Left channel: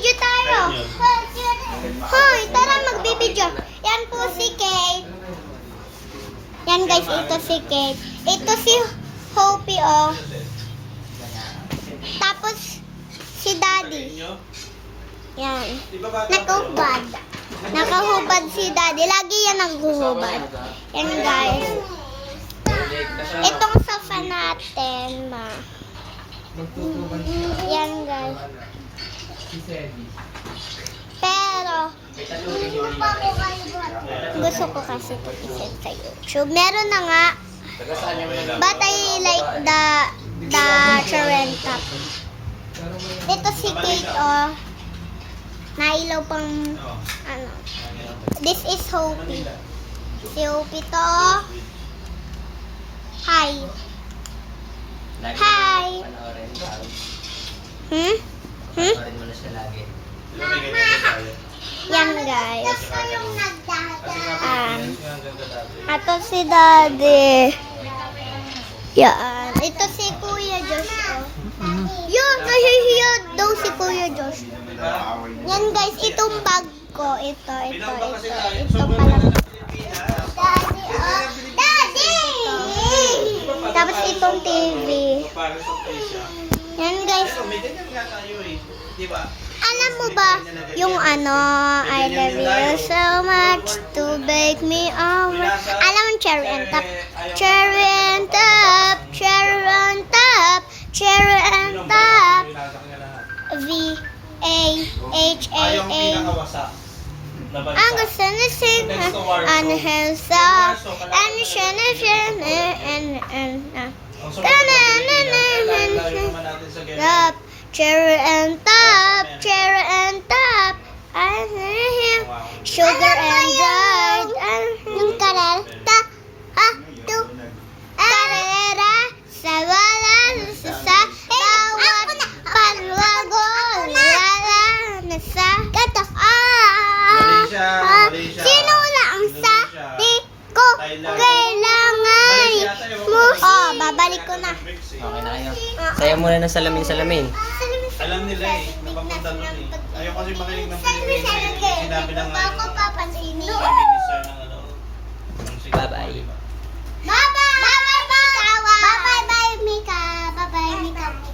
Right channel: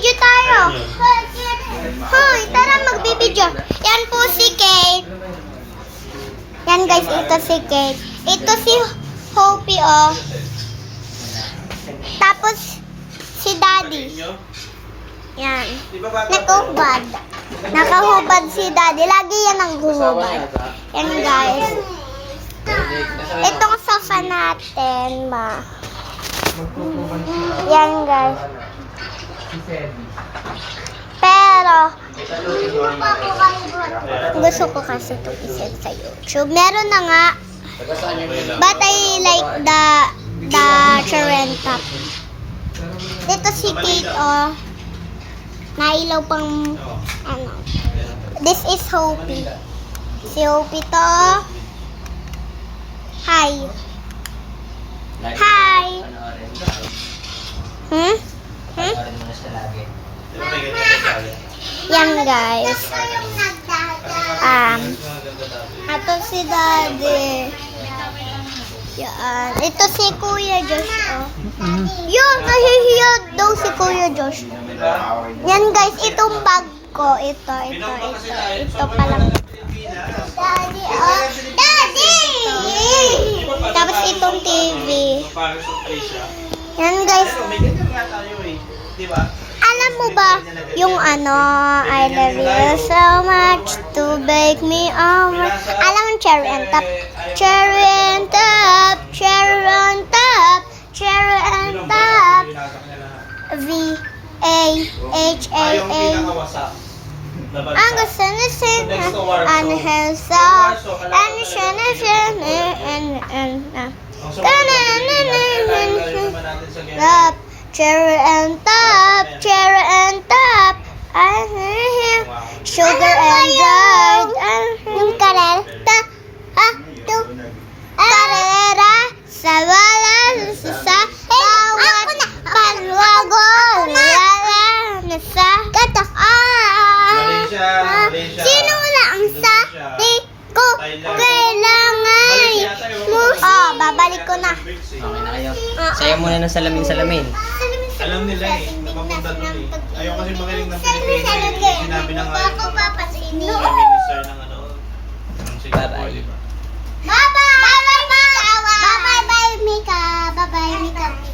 Magbibideo tayo. Hoy, tara magbibideo. Yan po si Kate. Yan guys, ito si Kate. Ito si Hopi, oh. Tapos, si Daddy. Yan. Nakahubad. Nakahubad si Daddy. Lagi yan ang huhubad. Yan guys. Itong sofa natin, ma. Yan guys. Pero, gusto ko kasi ito iset sa YouTube. Meron na nga. But I like the Charentap. Dito si Kate, oh. Nailaw pang, ano. This is Hopi. Si Hopi to. Hi. Hi. Hmm? Hmm? Yan guys. Ito si Daddy. Yan. Ito si Kuya Josh, oh. Yun, nahihiya daw si Kuya Josh. Yan guys, itong bag ko. Ito. Ito palang. Daddy, oh. Daddy! Tapos itong TV. Yan guys. Alam mo ba yung ano, I love you so much to make me over. Alam mo cherry and top? Cherry and top, cherry and top, cherry and top. V-A-H-A-A. Ang gusto na sing, ang handsome, ang top, cherry and top, I hear sugar and dried, yung karelta, karera, sa wala, sa bawat palwago, sa gato, sino na ang sa di ko kailangan mo? Oh, babalik ko na. Okay na kayo. Sayo muna ng salamin-salamin. Alam nila eh, napapunta doon eh. Ayaw kasi magaling ng Pilipino eh. Sinabi na nga yung minister ng ano. ng Singapore, di ba? Bye-bye! Bye-bye, Mika! Bye-bye, Mika! Bye-bye, Mika!